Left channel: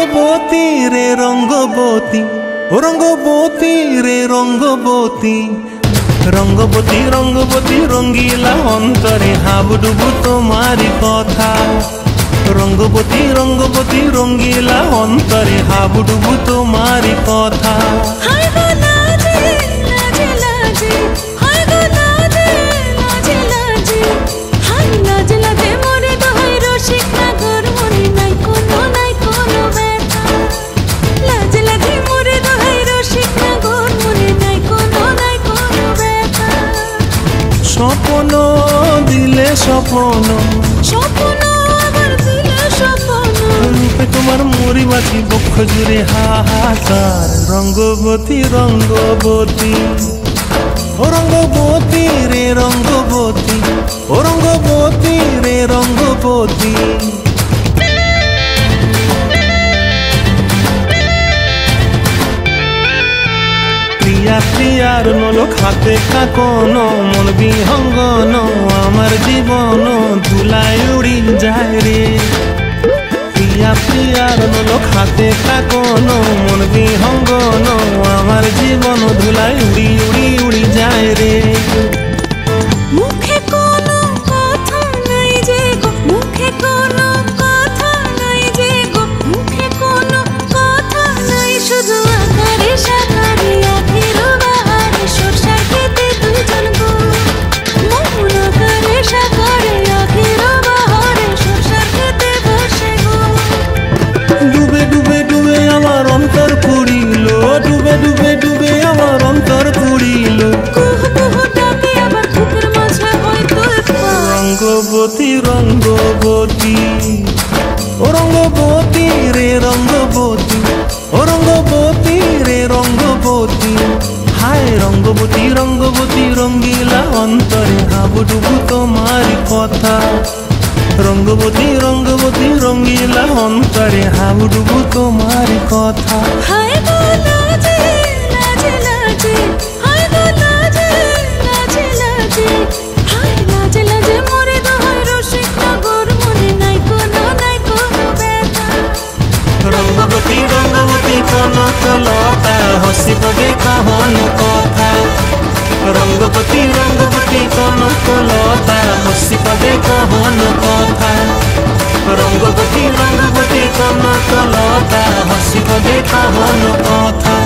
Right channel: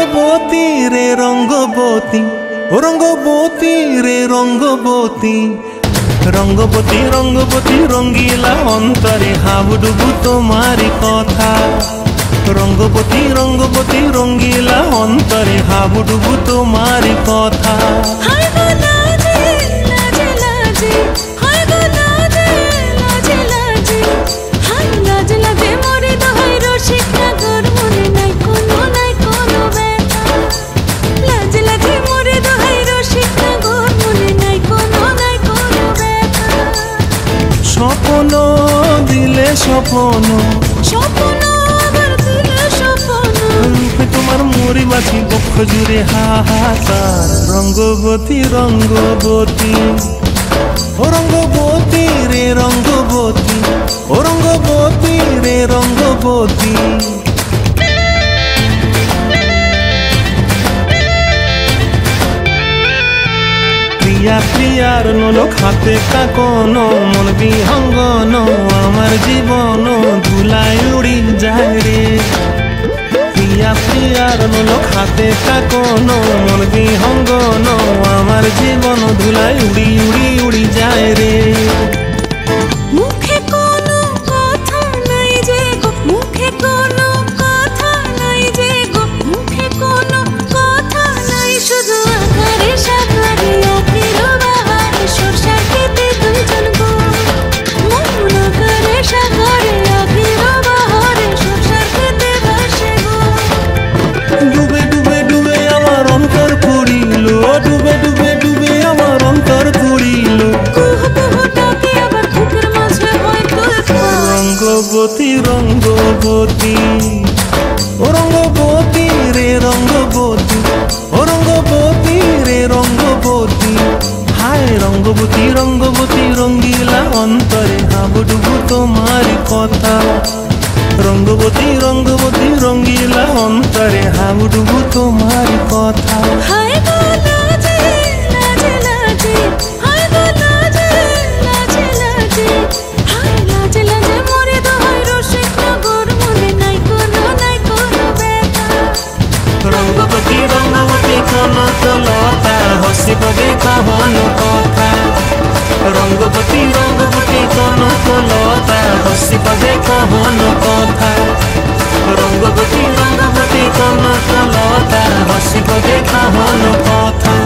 রঙ্গবতী রে রঙ্গবতী, ও রঙ্গবতী রে রঙ্গবতী, রঙ্গবতী রঙ্গবতী রঙ্গিলা অন্তরে হাবুডুবু তোমারি কথা। রঙ্গবতী রঙ্গবতী রঙ্গিলা অন্তরে হাবুডুবু তোমারি কথা। হায় গো লাজে লাজে লাজে, হায় গো লাজে লাজে লাজে, হায় লাজে লাজে মোরে দোহাই রসিক নাগর মনে নাই কোনো ব্যথা। লাজে লাজে মোরে দোহাই রসিক নাগর মনে নাই কোনো ব্যথা। স্বপ্ন দিলে স্বপ্ন, স্বপ্ন আবার দিলে স্বপ্ন, রূপে তোমার মরি বাছি বক্ষ জুড়ে হাহাকার। রঙ্গবতী রঙ্গবতী, ও রঙ্গবতী রে রঙ্গবতী, ও রঙ্গবতী রে রঙ্গবতী। প্রিয়া প্রিয়ার নলক হাতে কাকন, মন বিহঙ্গন আমার জীবন ধুলায় উড়ি যায় রে। প্রিয়া প্রিয়ার নলক হাতে কাকন, মন বিহঙ্গন আমার জীবন ধুলায় উড়ি উড়ি উড়ি যায় রে। মুখে কোনো কথা নাই যে গো, মুখে কোনো কথা নাই যে গো, মুখে কোনো কথা নাই, শুধু আকারে সাকারে আখির বাহারে সরষার খেতে দুইজন গো। মন আকারে সাকারে আখির বাহারে সরষার খেতে ভাসে গো। ডুবে ডুবে ডুবে আমার অন্তর পুড়িল, ডুবে ডুবে ডুবে আমার অন্তর পুড়িল। কুহু কুহু ডাকে আবার বুকের মাঝে হয়তো রঙ্গবতী রঙ্গবতী, ও রঙ্গবতী রে রঙ্গবতী, ও রঙ্গবতী রে রঙ্গবতী। হায় রঙ্গবতী রঙ্গবতী রঙ্গিলা অন্তরে হাবুডুবু তোমারি কথা। রঙ্গবতী রঙ্গবতী রঙ্গিলা অন্তরে হাবুডুবু তোমারি কথা। হায় গো লাজে লাজে লাজে, হায় গো লাজে লাজে লাজে, হায় লাজে লাজে মোরে দোহাই রসিক নগর মনে নাই কোনো ব্যথা। রঙ্গবতী রঙ্গবতী কনক লতা হসি পদে কহন কথা। রঙ্গবতী রঙ্গবতী কনক লতা হসি পদে কহন কথা। রঙ্গবতী রঙ্গবতী কনক লতা হসি পদে কহন কথা।